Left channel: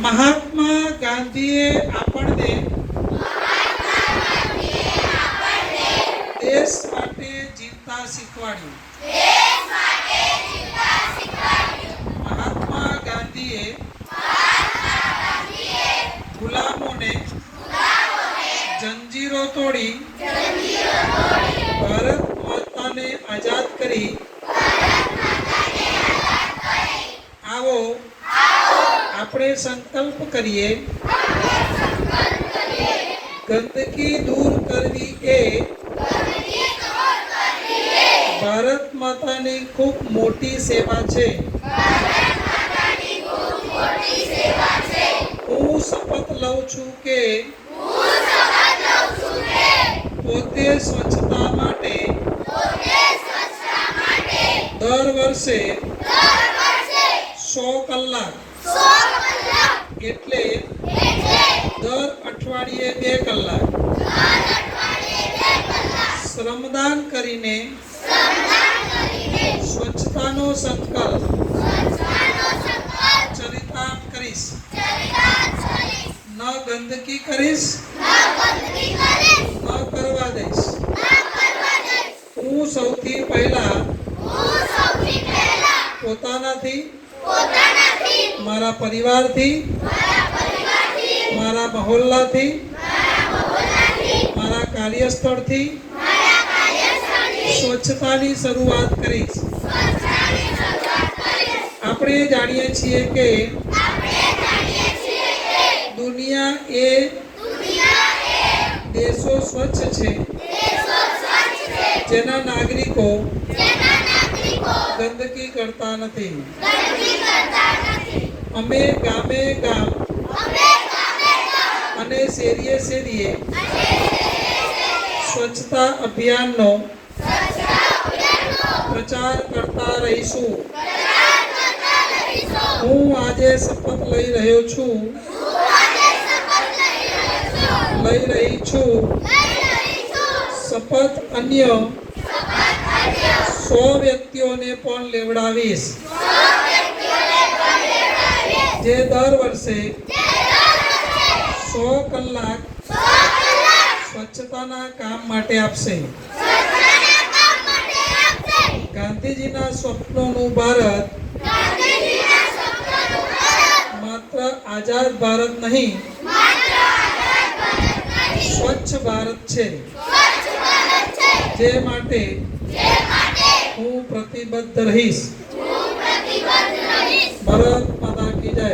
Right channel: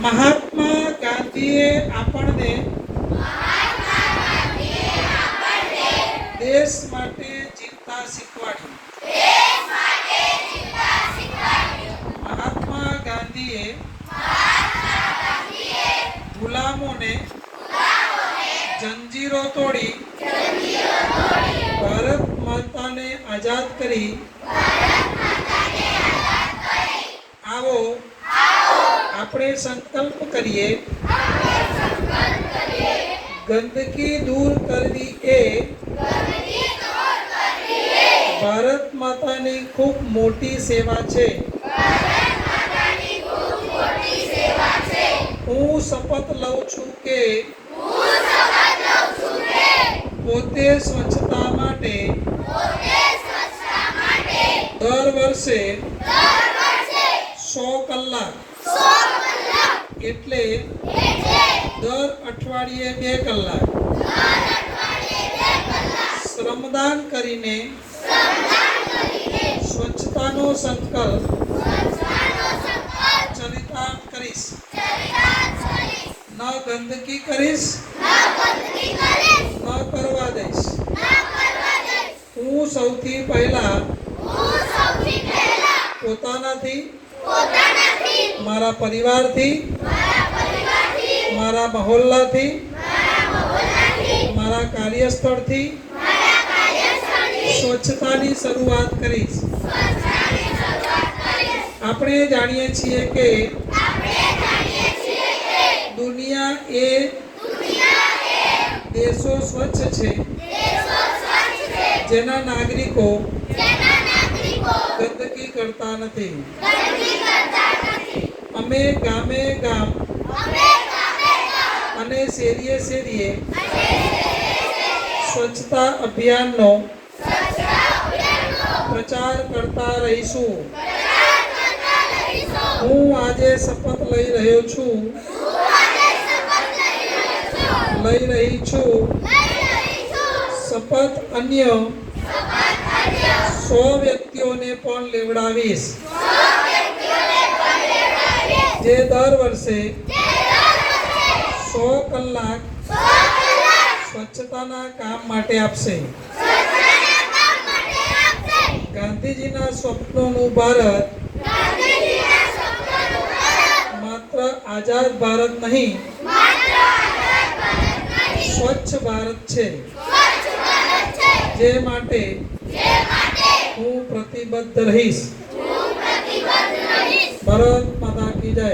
મહાત્મા ગાંધીએ આપણને દેશ માટે જીવતા શીખવાડ્યું. મહાત્મા ગાંધીએ ગુલામોને જંજીરો તોડી ભારત માતાને આઝાદ કરી આપણે સંકલ્પ કરીએ. ગંદકી દૂર કરવી એ ભારત માતાની ખૂબ મોટી સેવા છે. હું શપથ લઉં છું કે પોતે સ્વચ્છતા માટે દર વર્ષે સો કલાક એટલે દર અઠવાડિયે બે કલાક. શ્રમદાન કરીને સ્વચ્છતાનો સંકલ્પ ચરિતાર્થ કરીશ. ન ગંદકી કરીશ ન કરવા દઈશ. હું સૌથી પહેલા પોતાનાથી મારા પરિવારથી. મારા મહોલ્લાથી. મારા કાર્યસ્થળથી. સ્વચ્છતાની શરૂઆત કરીશ. આપણે જાણીએ છીએ કે દુનિયા એ દેશો સ્વચ્છ છે. જેના નાગરિકો ગંદકી કરતા નથી. અમે ગામે ગામ અને શેરીએ શેરીએ સ્વચ્છતા અભિયાનનો પ્રચાર કરતા રહીશું. હું આજે શપથ લઈ રહ્યો છું. લઈ રહી છું. શપથ અન્ય સો વ્યક્તિઓને પણ લેવડાવીશ. જે દર વર્ષે સો કલાક સ્વચ્છતાના કામ માટે આપશે. ગાંધીજીના સ્વપ્નોનું ભારત માત્ર આઝાદ ભારત નહીં, સ્વચ્છ ભારત છે. જે માટે હું પ્રતિબદ્ધ રહીશ. ભારત માતા કી જય.